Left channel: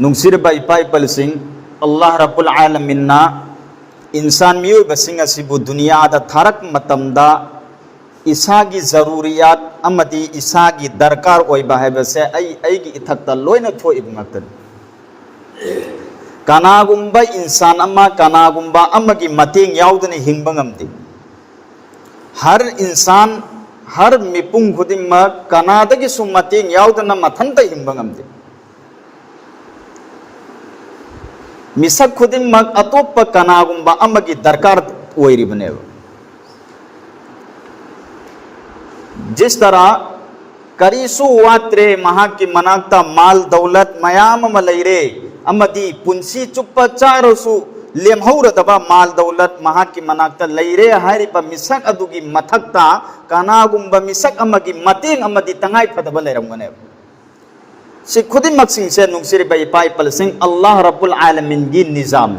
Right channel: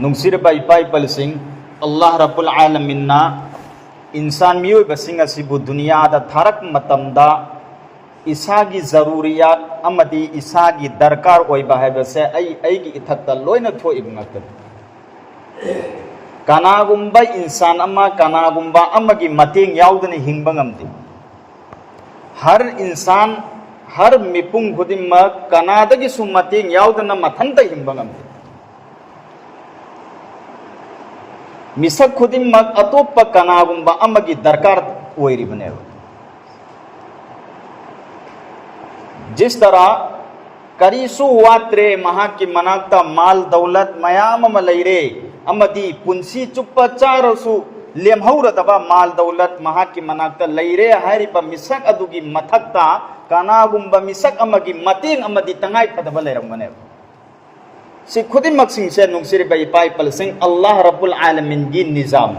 नुंसिरबा इपा इपलसिंग अल्लाह रब्बुल आलमीनना इंसान मियोइबसिंग असिबु दुनियादा थारक मतमदा इसागी जरूरियात अमदी इसागी दरकार ओइबा हैबसे ऐगी इथक्ता लोइना थोइब ngaktan कनागुम्बा इंसान अमा कनागुम्बा अमगी मतेंग याउदने हिंगबा ngamdi हर इंसान हर मिपुंग खुदिमा कनादगी सु मतेंग याउदना मथंता हिंगबा ngamdi मिसक खुदिमक अतोप कनागुम्बा अमगी दरकार ओइरिबने जिस तरह करीसु वात्रे महा की मनाता माल दौलत मयाम मलैरे अमदी पुंसी चुप्प चारोसु लेमहौरदबा माल दौलत महा की मनाता लैरे हारिबा मिसक अदुगी मथक्ता कनागुम्बा मिसक अमगी मतेंग अमदी तंगाई फदबा लैरमगने से खुदिमक्सिंग से नुंसिरिबा इपा इपलसिंग अल्लाह रब्बुल आलमीन की निजाम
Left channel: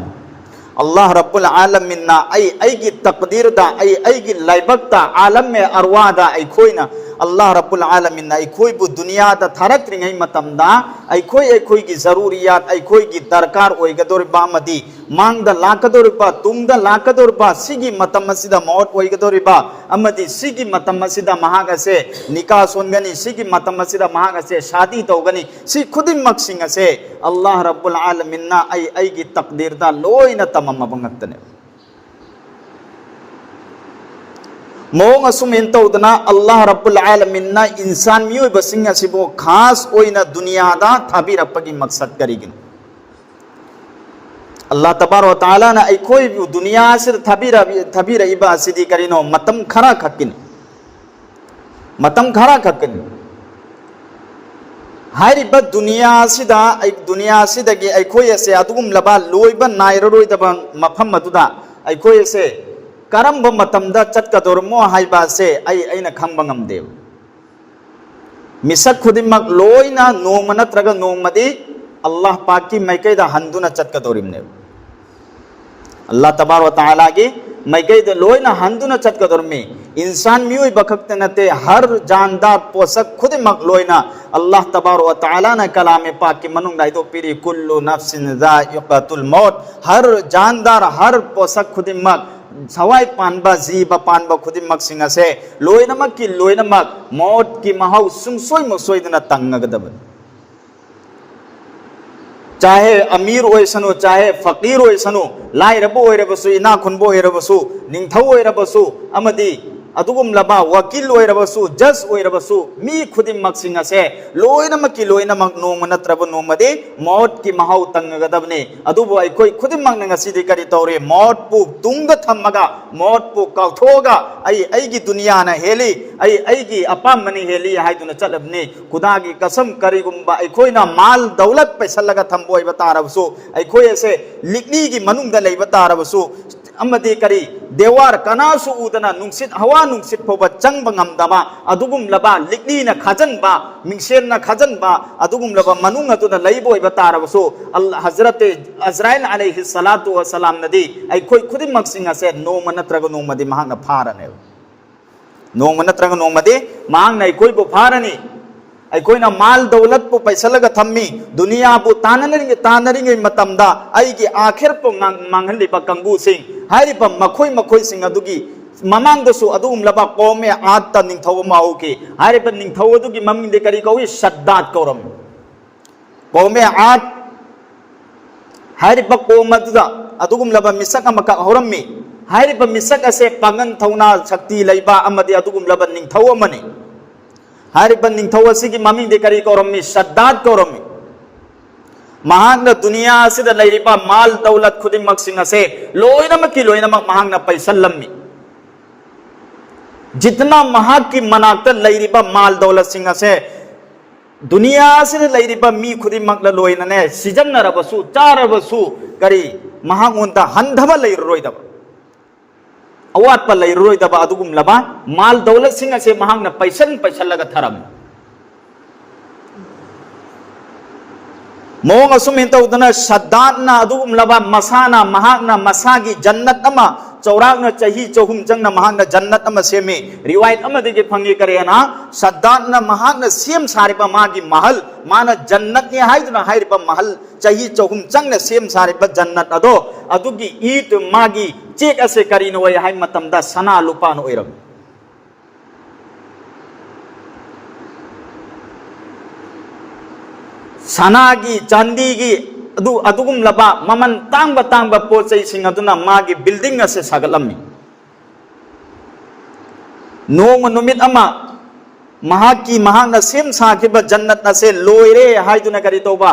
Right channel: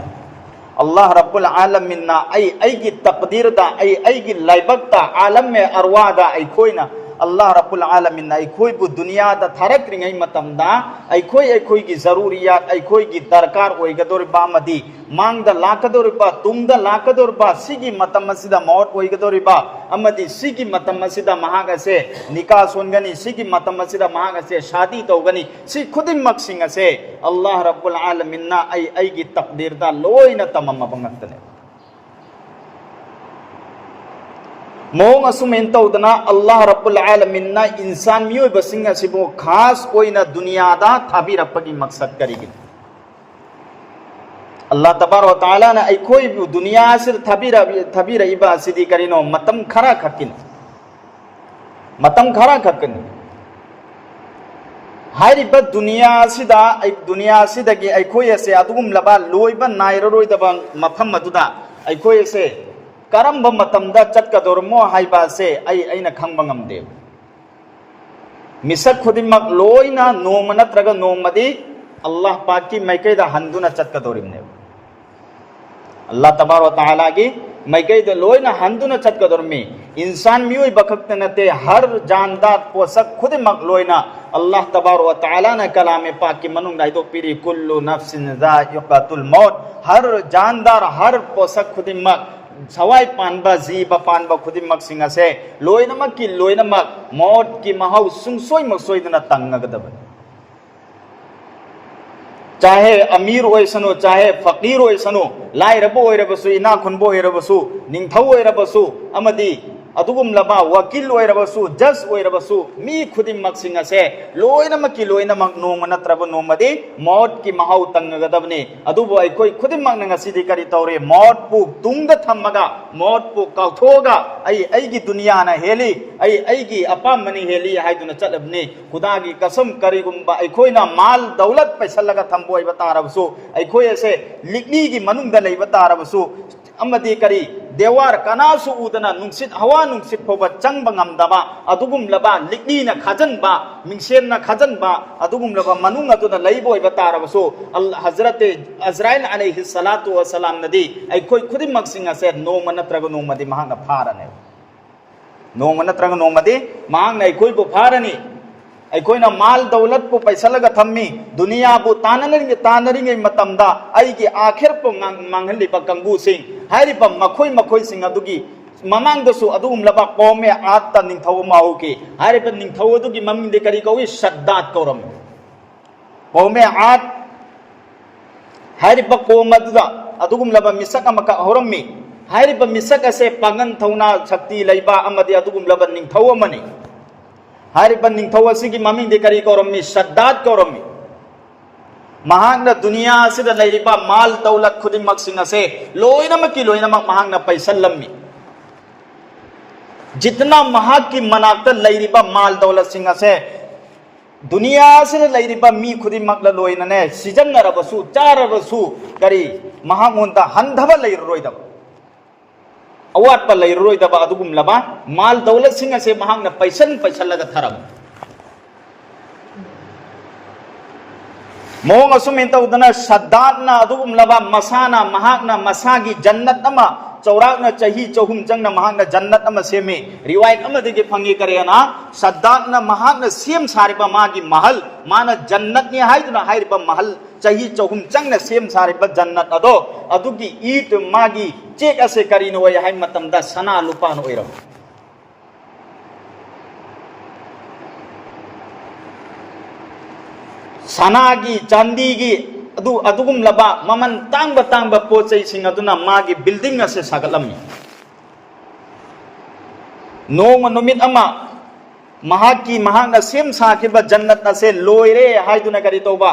अल्लाह रब्बुल आलमीन ना आई की तकदीर दा आई की लाइबकता आलम में अरवादा आई खोइना अल्लाह रब्बुल आलमीन ना आई खोई बु दुनिया दा थारक्रिंगै मतमदा आई खोई की जरूरियात आई खोई की दरकार ओइगदोरिबा मदी मांग दा लाकदोरिबा तुम दा लाकदोरिबा सिगी मतमसिदा मौत ओइगदोरिबा अमदी सिगी मतमसिदा महागसे निकाह सोनगनी सिगी मतमसिदा महागसे शादी तौगनी सि खुदिमक्सिंग से अल्लाह रब्बुल आलमीन ना आई की तकदीर दा लोइना तमम बंगतने मोंग असुमेन तौदना अल्लाह रब्बुल आलमीन ना इंसान मियोइबसिंग असिबो खास ओइना दुनियादा थाबिरपगी मकसद करिगिन अल्लाह तबारक व तआला ना कोई दुनिया से थाबिरा इबा सिदी करिनो मतम खरा खकिन हारिबा दुनिया सिदगी अखोय से अदुगुम लबा लोइबा नायररोइदबा मफम मदुदा अखोय से करम मतमदा चटकदोरमो हाइबा से अइना खंबा ngamde मिसक खुदिमक लोइना नोंग नत्रगा नोंगमदी अल्लाह पाक की मैकैदा हंदुना चटकदोरिमने अल्लाह तबारक व तआला की मैकैदा लोइना हंदुना चटकदोरमी इंसान मियोइ बखक्ते नते हर जानदार पोसक खुदिमक लोइना अल्लाह तबारक व तआला ना कलाम पाक की मनुंग नाइदो पीरी कुल्लु नफ्सिन जाइक़तुल मौत हर जानदार हर पोसक खुदिमक सवाई पानबा जीब पानबा खुदिमक सिंग से लोइनमक की लोइनमक मौत की महौ सुंगसोय मसोयदना तंगगदब चाहे अमीर ओइसनो चाहे फकीर ओइसनो लाइरबो ओइरबसु इना खुनबो ओइरबसु निंगथौ ओइरबसु अमदी अदुगुम लबा वकील ओइरबसु जज ओइरबसु मी खुदिमक सिंग से लोइनमक की लोइनमक नोंग नत्रब नोंगमदे मौत की महौ तंगगदबने अदुबो अखोय खुदिमक नंगसिदि करि तौरे मौत पु तुंग थमगा मौत पु काउथोगा आई की दुनिया ना हेली आई की अपामनी हेली हाइदुन चलबने खुदा की कसम करिगुम्बा अखोयना माल दौलत पैसलगा थंबोय बतारबसु अखोय से लिकनी की मनुंग दा लेब तारबसु अमदी करी देवार कनासु उदना नुंसित हवा नुंसित फोब चंग ngamdaba adugum laba likni na khajan ba mingsen na khajan ba adugum laba manung atuna leiboi batarabasu Allah hazrat Azrail alaihi salatu wa salam nadi ai khoi khudimak singa se no manatraga no madi mahanga pharane no manatraga no madi mang nai koi bu pharani ai koi na mal dawlat pu paisa laga thammi dunia bu tanari matamda ai gi akhir pu manghali ba kangu sing hari ba makhoi sing adugi mamang dasu adum laba qome atta ningthau mau ke hari ba ningthau adugi maming de kari kawi shaddad koram qome at hari ba qomada adugum laba misaka maka horammi hari ba misaka se pangan thauna shakti leiba amadi adugum laba ningthau amani hari ba ningthau asigi maming de kari korammi shaddad korammi महांगना दुनिया से लैरिबा माल दौलत खुदिमक सिंग से लोइनमक की लोइनमक महांगना पैसलम्मी जितना महा की मनात लैरिबा माल दौलत सिंग से दुनिया से लैरिबा मी खुदिमक लोइनने सिजन्नरबसु चारबसु करी महांगोंता हंधब लैरोइदब अवात पर लैरोइदब अदुगुम लबा माल दौलत सिंग से महांगना पैसलगा थरम मोंग असुमिन तौदना शद्दादना अदुगुम लबा मसाना महागना मसागी जन्नत अमा चौराकना चाही चहुम जंगना महाकना जन्नत अमा सेमे रिवायत अमा देगे फंगे करेना सद्दातना महाकना सेम सारिबा मागी महल माना जन्नत ने हाइदुना हाइरिबा महल चाही चहुम जंगना सेम सारिबा जन्नत अदो अदुगी ईट मागी चेक असे करिनो वय हाइ मतमदा सना लुपान ओइरो सनागी चांदीगी अदुगुम लबा ममन तांग पोचै सिंग अदुना मागी बिल्डिंग असे सागलम्मी नोंग नुमित अमा महाकी महाना सेम साखिबा जन्नत असे लोइरे हाइदुना करि तौबा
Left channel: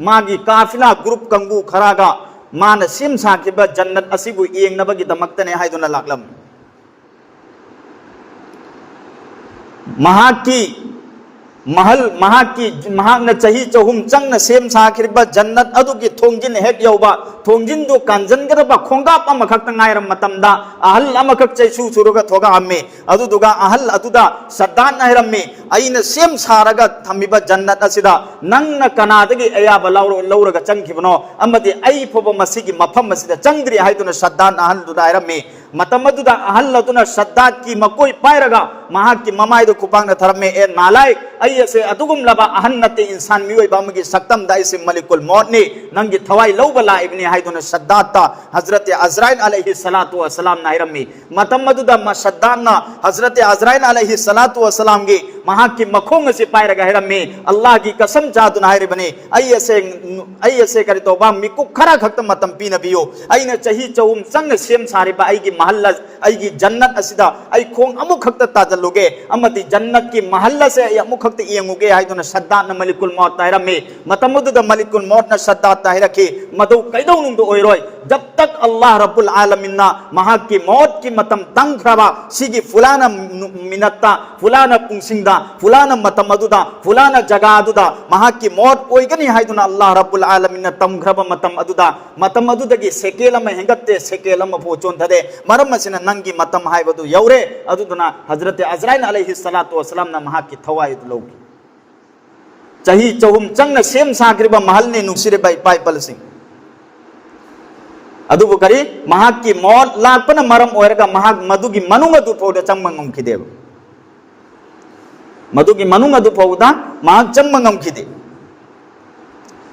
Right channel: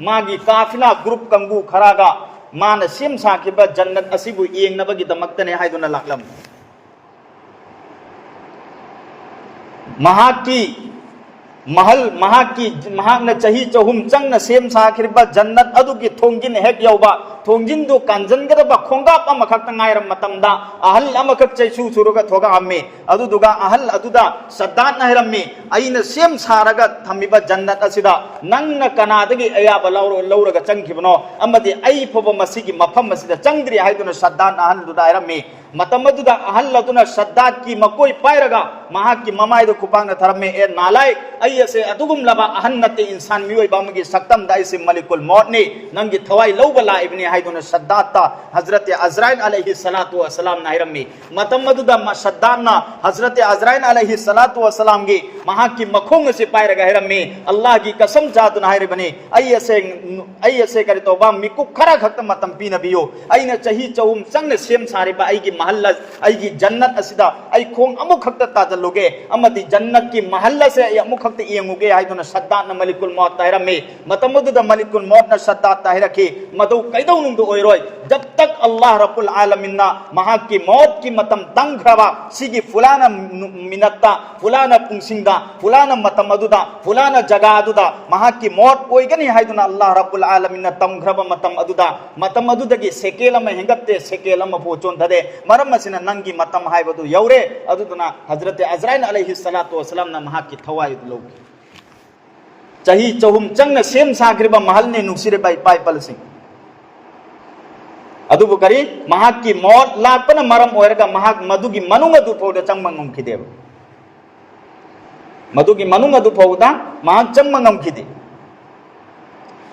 मागी काफिला ग्रुप कंगू खरागा माना सेम साखिबा जन्नत असिबु येंगनबगी दमक्तने हाइदुना लाक्लम महाकी महल महाकी महाकना चाही चहुम चंगना सेम साखिबा जन्नत अदुगी थोंजिन हेक यौबा थोंजिन दो कांजनगरबा खोंगाप अमखक नायरम मतमदा अहल अमखक चैसु सुरुगा थोगा अम्मे अदुदुगा अहल अदुदा सद्दान नायरम्मे अइना सेम सारगा थमिबा जन्नत असिदा नंगना कनादगी अयाबा लौरगा चंगिबनो अमदि अइ फोबा मसिगी मफम मसिदा चंगद्रि हाइदुना सद्दान अहल दुदा आयरम्मे मतमदुदा अहल अदुना सद्दात की मकोई पायरगा महाकी ममाइदो कुपांगना थरम्मे ए नालायक अयसे अदुगुम लबा अहन नते इंसान मियोय बामगी सक्तम दाइसे मलिकुल मौत ने नंगी थवाई लौबला इब्ने हाइदुना सद्दाता हजरत अजराइल अलैहि सलातु वसलाम नाहिरम्मी मतमदुदा सद्दाना हजरत अजराइल अलैहि सलातु वसलाम गे महाकी मखोंग से पायरगा हिरम्मी अल्लाह की कसम चादुना हाइरबने अयसे करे तौबा मिकु खरा खक्त मतम पीनबियो अइने चाही चौम संग सेम सारिबा अइगी महल्ला अइगी जन्नत असिदा अइ खोंग अमु खक्त ताजलुगे अमति जन्नत की महल्ला से अमु खक्त येंगुगे हाइदुना सद्दात मलिकुल मौत ताहिरम्मी मतमदुदा मलिकुल मौत न सद्दात ताहिरके मदु कैदौ नुंदु ओइरोय जब तक अल्लाह रब्बुल आलमीन ना महा की मौत की मतम तंगख्रबा सिगी फुलाना मिनत्ता फुलाना पुंसिंगदा फुलाना मतमदुदा फुलाना जगादुदा महा की मौत ओइगनी हाइदुना अल्लाह रब्बुल आलमीन ना तंगख्रबा मतम अदुदगी सेकेलम हेंगत्ते सेकेलम पोचोंथदे मरम मसिना नंगी मतम हाइबदु यौरे अदुदना हजरत अजराइल अलैहि सलातु वसलाम ना महा की थवाई लोग चाही चहुम चंगना सेम साखरिबा महल ने नुसिरे बाई पाइपल सिंह अदुबु करी महाकी मौत लापन मरम ओरगा महाक मधुगी मनुंग अदु पौदा चंगमंगम खिदेव मधुगी मनुंग अदु पौदा महाक चंगमंगम खिदे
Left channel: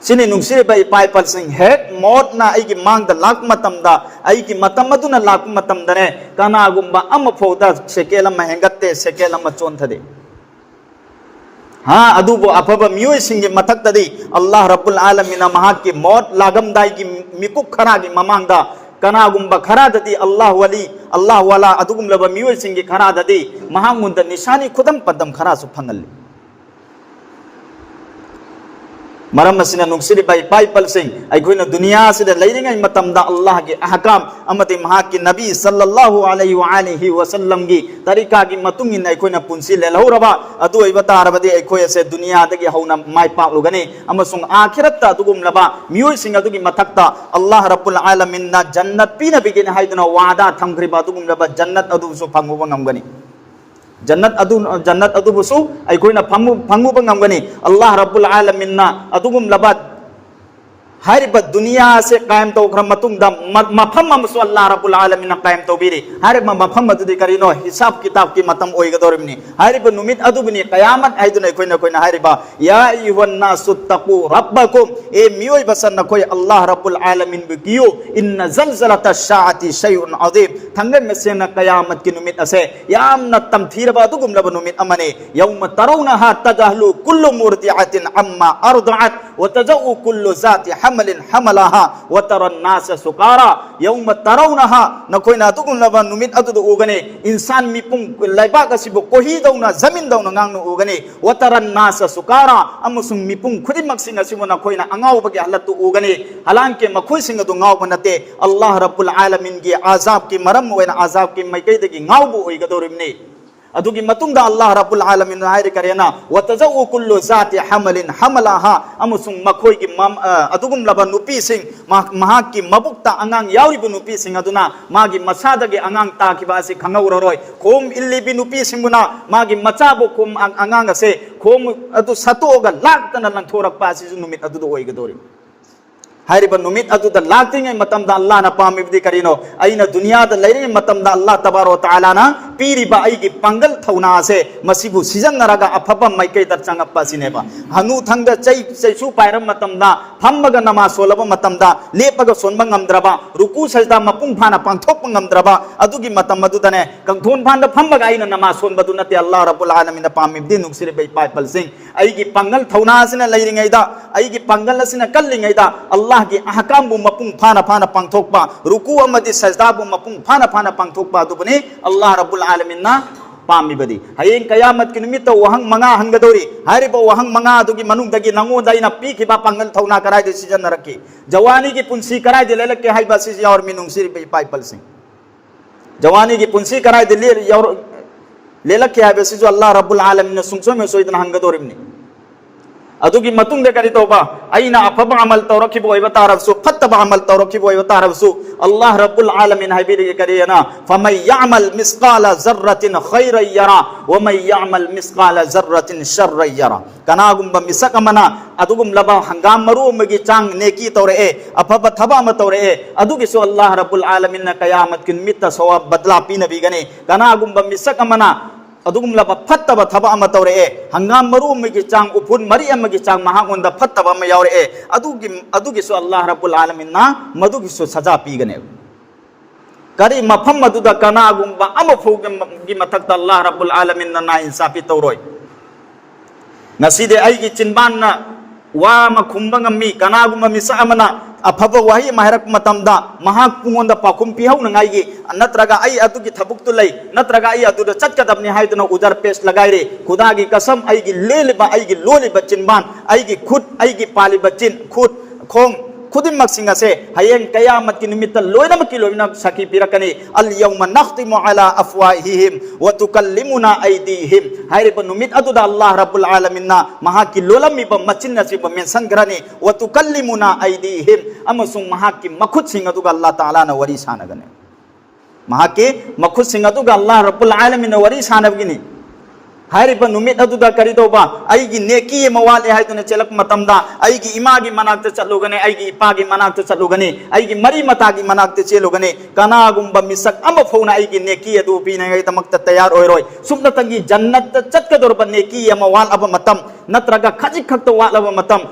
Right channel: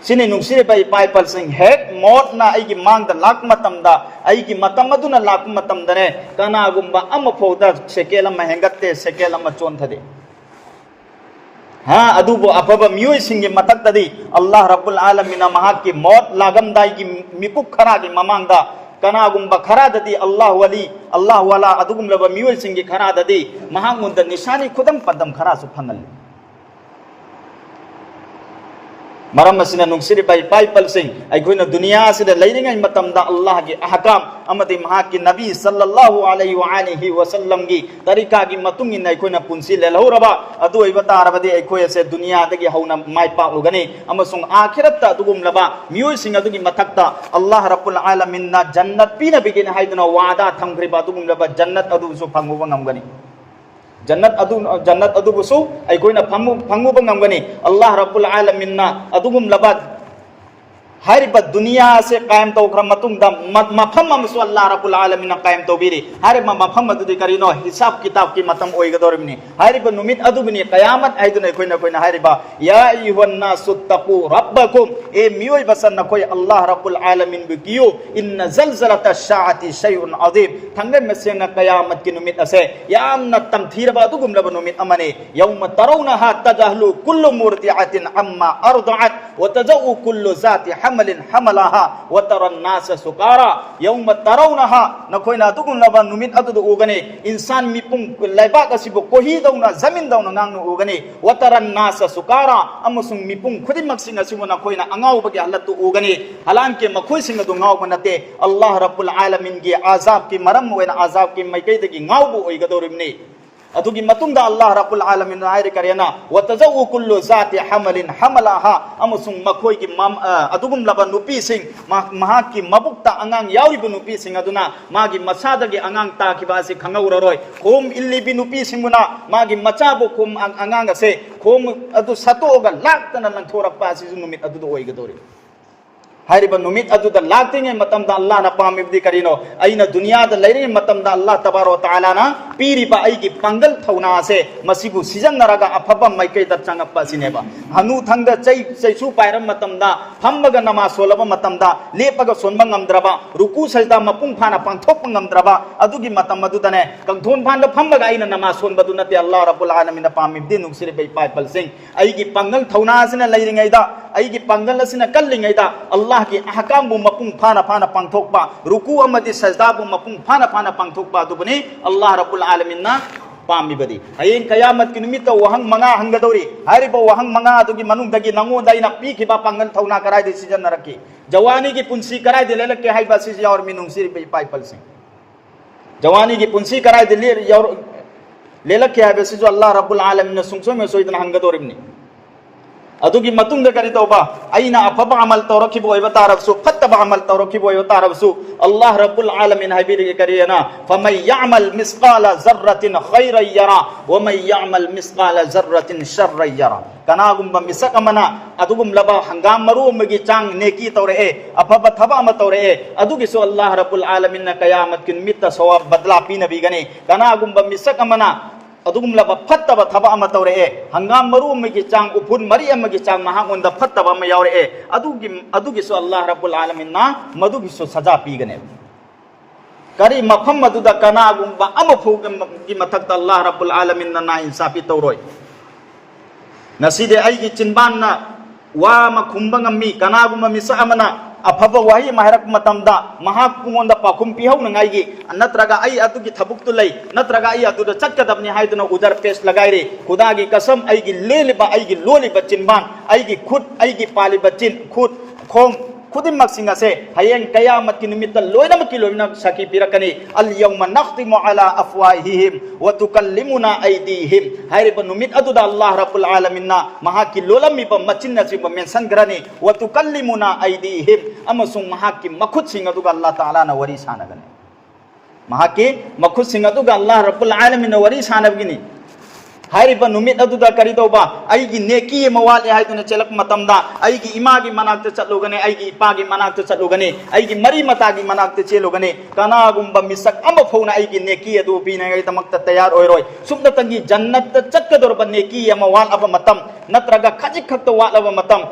सिने नुसिरे बाई पाइपल सिंह हेक मौत ना आइगी मांग दा लाक मतमदा आइगी मतम अदुना लाक मतमदने कानागुंबा अम पौदा सेकेलम हेंगत्ते सेकेलम चोंथदे हाँ अदुबो अफब मियोय सिंगे मथक्तदी अल्लाह रब्बुल आलमीन महाकी मौत लागमदाई की मिकुक खरागी ममांगदा कनागुंबा खराददी अल्लाह वली अल्लाह वाला अदुगुम लब मियोय सिंगे खराददी महामुंद निशानी खुदम पदम खरा सुफंगल मरम मसिना नुक्सिरि बाई पाइपल सिंह अखोइना दुनिया सिदा लैरिंगै मतमदा अल्लाह के अहकाम अमति महाकी नबी सल्लल्लाहु अलैहि व आलिहि वसल्लम की तरीका की मतुंग इन अखोइना पुंसी लेलहौरबा अदु अइबता अरबदि अखोय से दुनिया दगी हौना माइ पाउगने अमसुंग आखिरत अदुगुम लबा मियोय सिंह अदुगी मथक्ता अल्लाह रब्बुल आलमीन ना जन्नत पीना बिगिन हाइदना वादा थमग्रिबा अदुगुम लबा जन्नत अदुसु फंगुबा ngамगनि जन्नत अदुबुसु अखोइना फंगुबा ngамगनि अल्लाह रब्बुल आलमीन ना अदुगुम लबा हारिबा दुनिया से कायम तौखर मतुंगदा मफम अमसु अल्लाह रब्बुल आलमीन कायम तौबिरि हारिबा मफम अदुदि करिनो हिसाब किताब की मतम ओइगदोरिमनि हारिबा नुमित अदुबनि कयामत आइदुना कोइना हारिबा या अय्युहन नासु तकू रब्बकुम ए मियोय बसन नखोय अल्लाह रब्बुल आलमीन बिगियो इन्न जलजलता शाअति शैउन अजीम थंगे मेसेना कयामत की नुमित असे यामना तमथीरबा अदुगुम लब नुमित अमने यौम तरौनहा तजहलु कुल्लु मुर्दिअतिन अम्मा अर्दअत व तजउ कुल्लु जाति हमलिन हमलाहा व तरन नास सुकारा यौम तरौनहा नखोइना अदुगुम लब नुमित अदुदु उगने इंसान मिपुंग लाइबाक असिबो कोही दौना जमीन दौना ngang उगने व तरन नास सुकारा अमसुंग मिपुंग खुदिमक्सिन असिबो नखोइना अंगावबगे हलतु उगने हलांके मखुइसिंग अदु ngaw नते अल्लाह रब्बुल आलमीन की आजाब की मरम वेना आजाब की मैकैदगी ngaw ओइगदोरिमने अदुगी मतुंगदा अल्लाह रब्बुल आलमीन हायरे करेना वतजउ कुल्लु जाति हमलिन हमलाहा अमसुंग मखोय की अदुगुम लबा नुपी सिंह महा की मबुक्ता अंगांग याविबु नुपी सिंह अदुना मागी मसादगे अंगांग ताकिबासी खंगौररोय खोम इल्लिबि नुपी सिंगुना मागी मचाबो खोम अंगांग से खोम अदु सतोगा लाक्तना लंथोरक पासी नुमित अदुदो ओइगदोरि हारिबा नुमित अदुदा लाक्तिङै मतमदा अल्लाहना पामिबदि करिनो अइना दुनियादा लैरि मतमदा अल्लाह तबारो तालाना पीरिबा अइगी पंगल थौना से मसिबु सिजन्नरगा अफबा माइकैदा चंगप्पा सिनेबा हनु थंगदा चैसु पाइरम मतमदा फम्मगा नमा सोलबा मतमदा लेपगा सोनबा ngamद्रबा रुकु सजदा मपुंग फाना पांथोकपा ngamद्रबा अदुगी मतम मदुदने कंथोन फानदा फम्मगा अइना नमा सोनबदु नते अल्लाह रब्बुल आलमीन पामिबदि नुक्सिरे बै पाइपलसिंग अइगी पंगल थौना सिना लैरिङैदा अइगी पंगल सिना कल्लिङैदा अल्लाह की अहकाम बु मपुंग फाना फाना पांथोकपा रुकु अमदि सजदा बु मपुंग फाना फाना पांथोकपा दुबने अल्लाह रब्बुल आलमीन ना पामिबदि हयें कयामत की निमित्त वहंग मंगा हंगदोरी हारिबो वहंग मंगा दुगी मनुंगदगी नंगोदाइना पीखिबा पंगल थौना करायदे सिजन्नरकी जवानी की पुंसी करायदे लेलके हाइबा सिज और मिनुंगसिरि पे पाइपलसिंग जवानी की पुंसी करायदे लेलके हाइबा सिज अल्लाह रब्बुल आलमीन सुंगसो में सोइदना हंगदोरिमनी अदुगी मतुंग दे करी तौबा अइना अफबा अमल तौरखिबो ओइबा तारबसु फत्तबा अमल तौरखिबो ओइबा तारबसु अल्लाह रब्बुल आलमीन हाइबिरि करियना फमन यअमल मिस्काल जर्रतिन खैरन यरा व मन यअमल मिस्काल जर्रतिन शर्रन यरा कनागुंबा मिसकमना अदुगुम लबा हंगाम मरु मगी चांग नेकी तौरे अफबा थबा म तौरे अदुगी सो अल्लाह रब्बुल आलमीन कयामत किन मित्त सवाब बदला पीनबी गने कनागुंबा मिसकमना अदुगुम लबा फत्तबा थबा अमा तौरे हंगाम मरु मगी चांग उफुन मरी अमगी चांग महागुंदा फत्तबा अमा यावरे अदुगी सो अल्लाह रब्बुल आलमीन ना मदुगी सो सजा पीगने करी मफम मदुदा कनागुंबा अमा फौगी मथक्ता अल्लाह रब्बुल आलमीन ना इंसाफी तौरोय नसीदे अइगी चिनबान वा मखुंबा ngami कनागुंबा मिसा अमना अफब वही महरक मतमदा महाक पुंगोंदा पाखुम पिहौनंगाइगी नत्रगा अइ अतुगी थबुक्तु लै नत्रगा अइ अतुदा चटकदबनि हाइदुना उदर पेस लगाइरे खुदागी कसम अइगी लेलिबा अइगी लोलिबा चिनबान अइगी खुद अइगी पालिबा चिन खुद खोंग खुदिमक सिंगसे हयें कयामत की निमित्त लोइनम की लोइना सकी पिरकने अल यौम नख्तिमु अला अफवाहिहिम व तुकल्लिमुना अयदीहिम हाइरे बनुमित अदुदा अल्लाह रब्बुल आलमीन ना महा की लोलमी ब मचिन नसिब मेंसन ग्रने व तुकल्लिमुना अयदीहिम अमसुं महा की मखुद सिंग अदुगा अल्लाह ताला ना वरी सानगने महा के मखुद सिंग अदुगा अल्लाह रब्बुल आलमीन वरी सानबगिनी हारिबा नुमित अदुदा करी तौबा अइगी नेकी मवाले हाइदुना चलक मतमदा अइगी इमागी मनाक्ते चलुगने अइगी इपागी मनाक्ते चलुगने अइगी मरी मतागी मनाक्ते चेलुगने कनागुंबा मिसक अमा फौना अइगी नेकी अदु पीनगै तमक्ता तैयार ओइरोय सुमनतंगी जन्नत चटकदोरबा नेकी मवाल अब मतम नत्रगा खजिक खक्त वाल अब मतम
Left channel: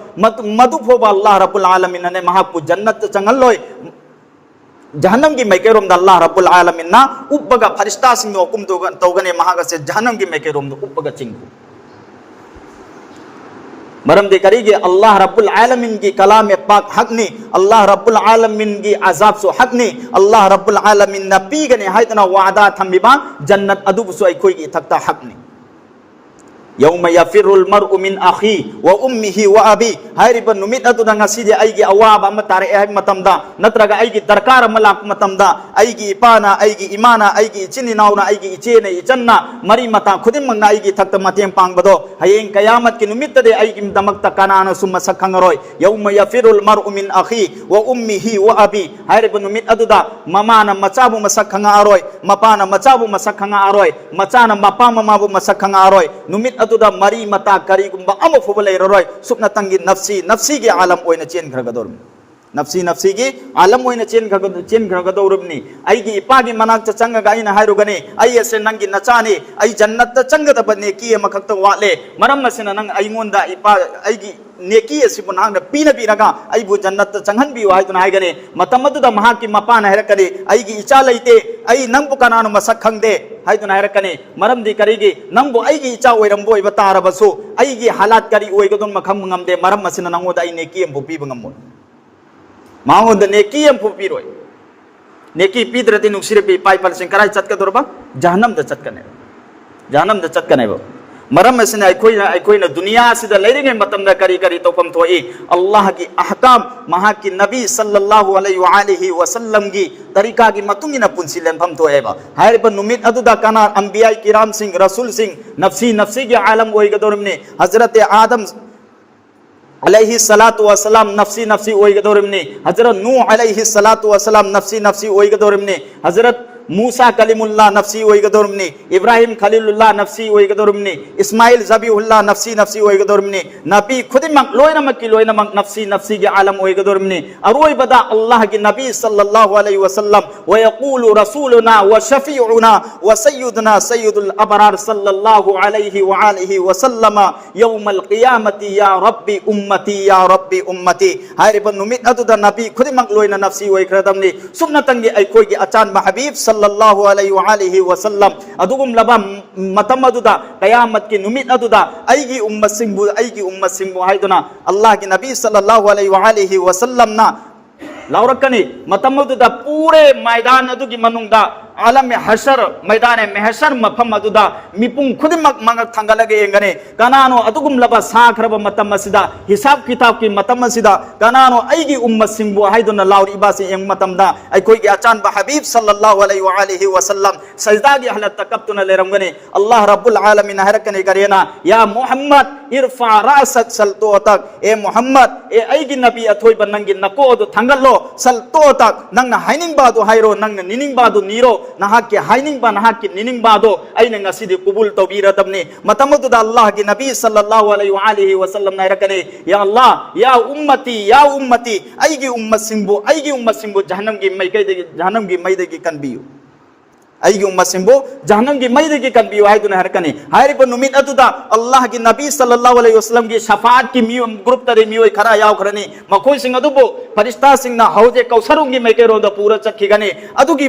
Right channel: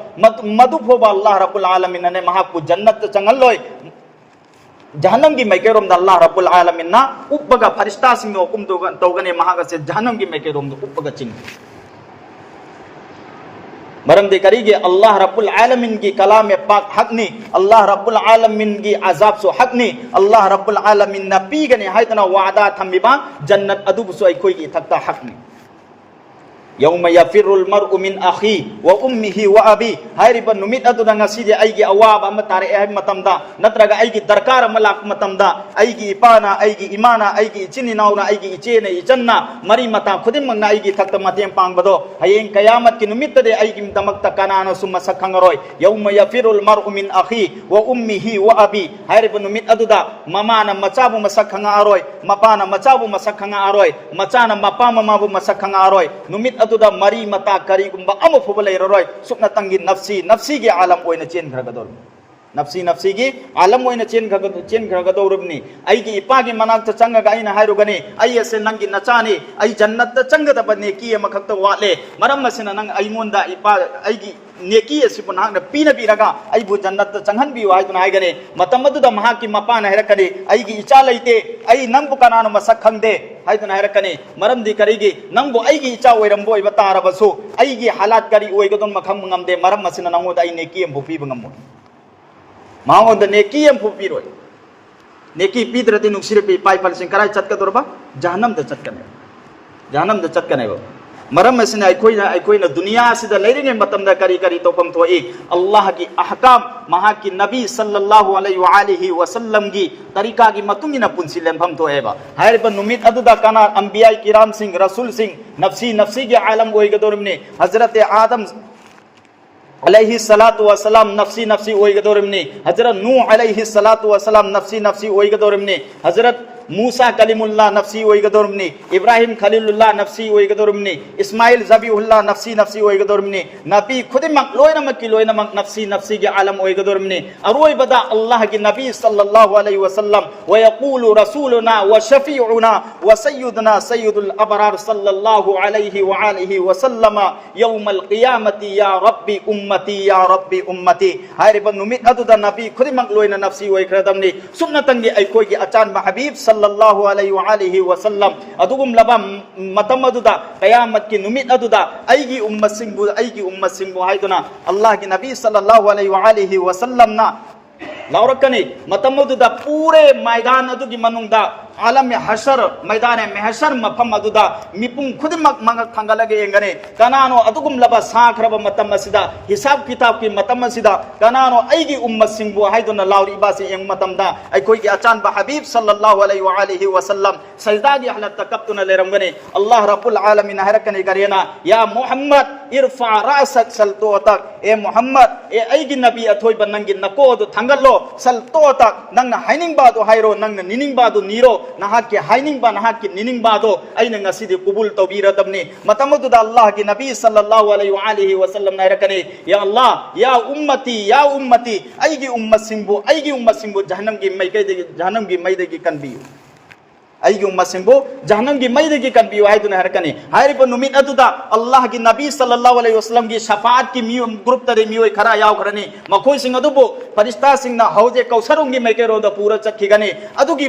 मदु फोबा अल्लाह रब्बुल आलमीन ने महापु जन्नत चंगलोय जहन्नम की मैकेरोम द अल्लाह रब्बुल आलमीन ना उपबगा फरिश्ता सिंह हुकुम तौगने महागा से जहन्नम की मैकेरोम द उपबगा चिंग मरम दे करीगे अल्लाह रब्बुल आलमीन की कलाम पाक हक ने अल्लाह रब्बुल आलमीन की अजाब सो हक ने अल्लाह रब्बुल आलमीन ना पीगने हाइतना वादा थमिबा जन्नत अदुब सो कोई की थकता हक ने यौम यफिरुल मरउ मिन अखी व उम्मिही व अबी हाइरिबा नुमित अदुदा ngasiде aigi awaba ama tare ai matamda natraga aigi darkar malak matamda aigi ipana aigi imana aigi chini nauna aigi ichene ichanna mari mata khudim mangna aigi thakta matiem pangbado hayeng qiyamat ki numitt de aigi damakta kanana summa sakhangroi yawma yafirul mar'u min akhi wa ummihi wa abi hairiba numit aduda mamana machabu masakhanga aroi mapana machabu masakhanga aroi machana mapa mamabu masakhanga aroi numit aduda mari mata kari gumba amu fubale roi sukna tangi nafsi gi alam oina chen gragador nafsi gi alam oina chen gragadorubni aigi ipagi manak changa ga ina hairugane ai ase nangi nachani ai jannat ta changa da bane ki makhakta wale maram nasina nang aimonda ipa aigi neki asibun hangna pina biraga aibu jannat ta changhan bi wai tuna haigane matamadu da mahaki mapana herakane aigi icha laite ai nambu kananu masak khangde hai tuna herakane maram di karigi nambu aigi icha oirambo iba tarabasu aigi halat kari oigodon makham ngamde maram masina nangoda ai neki embu pi bangamo मांगोंद नेकी हम पुपीरोय नेकी पीद्रति नुसिरे पे पाई पाल सिंह कराई चटका दुरबा जहन्नम the चटकने वो मरम मसने अखोई न दुनिया सिदा लेरिंगे मतम दा करी तो कम थोई अल्लाह की अहकाम महा की नबी सल्लल्लाहु अलैहि वसल्लम की तरीका की मतुंगी न पुंसी लेंफम तो एबा हायर पर नुमित अदुदा काना अंबिया किराम सिंह रसूल सिंह नफ्सी के आलम ओई गदोरमने हजरत आदम अलैहि सलातु वसलाम नफ्सी ओइगदोरिमने हजरत नूह अलैहि सलातु वसलाम नफ्सी ओइगदोरिमने हजरत मूसा कलीमुल्लाह नफ्सी ओइगदोरमनी इब्राहिम खलीलुल्लाह नफ्सी ओइगदोरमनी इस्माइल जबीउल्लाह नफ्सी नफ्सी ओइगदोरमनी नबी खुदिमक लोइनमक लोइनमक नफ्सी नफ्सी के आलम ओइगदोरमनी अरोइबदा अल्लाह की नबी सल्लल्लाहु अलैहि वसल्लम व यक़ूलु रसूलुना व शफीउना व सय्यदुना सय्यदुल अबरार सल्लल्लाहु अलैहि व आलिहि वसल्लम यौमल क़ियामती या रब्बी उम्मती हायरिब नुमित अदुदा नबी खुदिमक लोइना नफ्सी ओइग्रदमनी सुन्नतंगे अइखोइगे अचान हबीब सल्लल्लाहु अलैहि व आलिहि वसल्लम अदुगुम लबा मतम अदुदा क़यामत की नुमित अदुदा अइगी उम्मत सिंबु हाइदुना अल्लाह की नबी सल्लल्लाहु अलैहि व आलिहि वसल्लम ना लौरकनी मतम अदुदा पूरे मैदान अदुगी मनुंगदा आलम हशर मैदान महशर मफम अदुदा मिपुंग खुदिमक मंग थंगलगे येंगने कनानो अदुगुम लबा साखरब मतम सिदा हिसाब किताब की मतम सिदा कनानो अइगी उम्मत सिंबु हाइदुना लाउरी इबासी यंग मतमदा अइखोइगे अचान हबीब सल्लल्लाहु अलैहि व आलिहि वसल्लम सजदागी हलत तकब्तुना लेरंगने अल्लाह रब्बुल आलमीन हरकने करेना या मुहम्मद इरफा रासक सल्तोतक ए मुहम्मद ए अइगी नबी अथोइब नंगी नकोदु थंगल्लो सल्तोतक नंग हाइनिंग बादु हाइरो नंग निनिंग बादु नीरो नहाकी हाइनिंग बा नहाकी निनिंग बादो अइने ngasidi कुबुल तौबीरदबने मतमदुदा अल्लाह की नबी सल्लल्लाहु अलैहि व आलिहि वसल्लम ने रकने या अल्लाह या उम्मती अइगी उम्मत सिंबु जहन्नम की मैदेगी कनबियु अइगी उम्मत सिंबु जहन्नम की मैदेगी कनबियु हाइदुना हरकने हायरिब नुमित अदुदा अल्लाह की नबी सल्लल्लाहु अलैहि वसल्लम की शफाअत की ग्रुप तरे मियोय खरा यावखरनी मखोय सिंग अदुबो फरिश्ता सिंगना हौजे कौसरुंगी मैकेरोद पूरा चखिगने अदुगी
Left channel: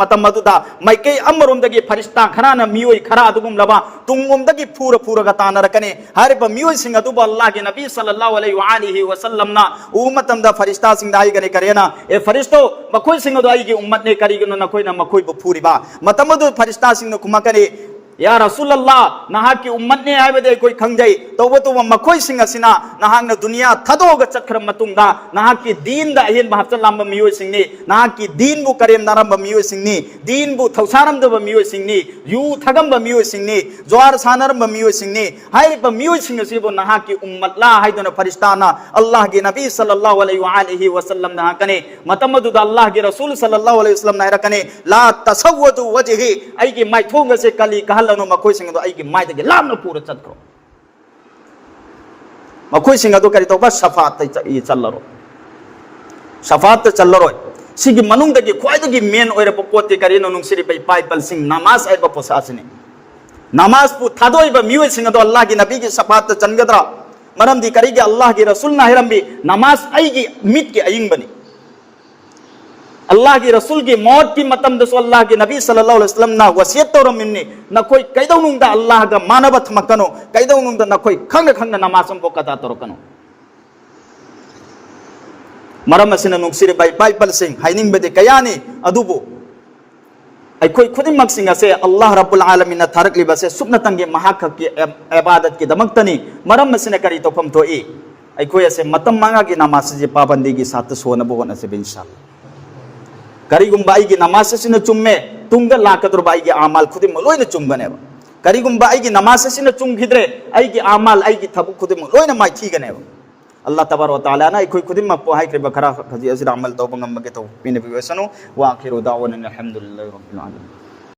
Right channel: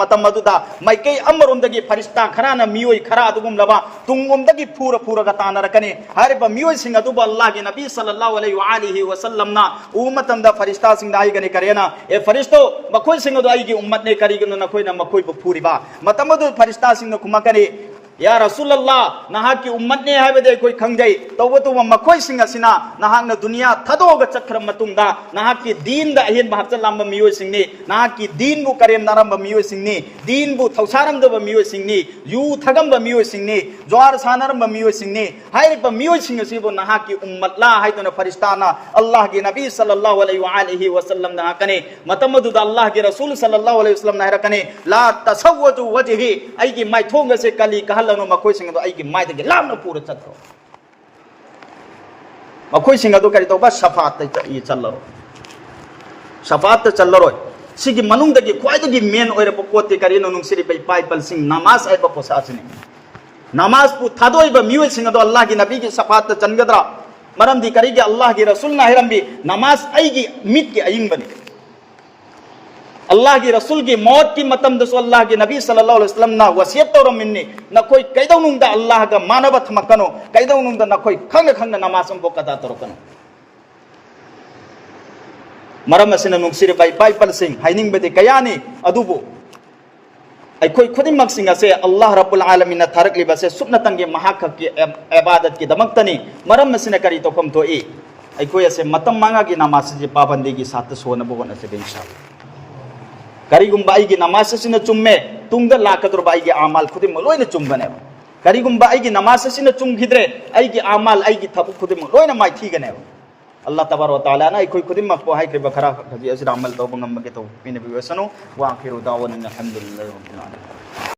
मतम अदुदा मैके अमरुंदगी फरिश्ता खराना मियोय खरा अदुगुम लबा तुंगुमदगी पूरा तानरकने हायरिब मियोय सिंग अदुबो अल्लाह की नबी सल्लल्लाहु अलैहि व आलिहि वसल्लम ना उम्मतंदा फरिश्ता सिंग दाई गने करेना ए फरिश्तो मखोय सिंग अदु आइगी उम्मत ने करिगनो नखोयना मखोय बो पूरी मतमदु फरिश्ता सिंह कुमकने या रसूल अल्लाह नहाक की उम्मत ने है कोई खंगजई तौबतु मखोय सिंह असिना नहाक ने दुनिया थदोग चखर मतुंगदा नहाक की दीन दा अहिन महचलाम मियोय सिंहनी नहाक की दीन बु करेम नरम मियोय सिंहनी दीन बु थौसारम दब मियोय सिंहनी यू थगम मियोय सिंहनी ज्वार सानरम मियोय सिंहनी हायरिब मियोय सिंह सिबु नहाक की उम्मत ला हायदन फरिश्ताना अल्लाह के नबी सल्लल्लाहु अलैहि व आलिहि वसल्लम नहाकने मतमदु अल्लाह के रसूल सल्लल्लाहु अलैहि वसल्लम नहरकने ला तसव्वतु वजही अइगी माइथोंग से कली कहल मखोय सिंह दो अइगी माइदगी लामन पूरा चत्रो मखोय सिंह दो करि तोबा शफाअत ये चल्लरो शफाअत चल्लरो सिगी मनुंगदगी ख्वाइदगी मेन ओइरब पोते करिनो नुंगसिरि बै पाइपल सिंह नमाज आइब पोसासिनी नमाज पु थादोइब मियोय सिंह दो अल्लाह की नबी की शफाअत चनगदरा मरमदी करिगे अल्लाह की रसूल ना हिरंबी नमाज अइगी मित के अयिंगबनी अल्लाह की रसूल की मौत की मतम दसो अल्लाह के नबी सल्लल्लाहु अलैहि वसल्लम ना वसियत तोर मिन्नी न कोई कैदौनुंदा अल्लाह गा मानवत मकनो कैदौनुंदा न कोई खंग नमाजम को कदा तोरकनो मरम असिन नुक्सिरे बाइबल सिंह हाइनिंग बदे कयानी अदुबो अखोई खुदिमक सिंह असे अल्लाह रब्बुल आलमीन थारकली बसे सुब्नतंगे महाक की इबादत की दमक्तनी मरम असिन करी तो कम तो ए अखोई असे मतम मांगा की नमाज जे पाबंदी की साथ सोन बोन असे इंशाअल्लाह करीगुम्बा आइगी नमाज सिन चुम्मे तुंग लाकद्र बाइगी आमाल खुदिम लोइन चुम्बने करीगुम्बा आइगी नमाज सिन चुम्गिद्रे आइगी आमाल आइगी थबु खुदिम लोइन माइ थीगने अल्लाह तबारक व तआला ना कोई खुदिम पो हाइ के बखरा खजी अजर अमल तो बंगम के तो पिने बिवसनो वा आखिरु दावना अल्हम्दुलिल्लाहि रब्बिल आलमीन।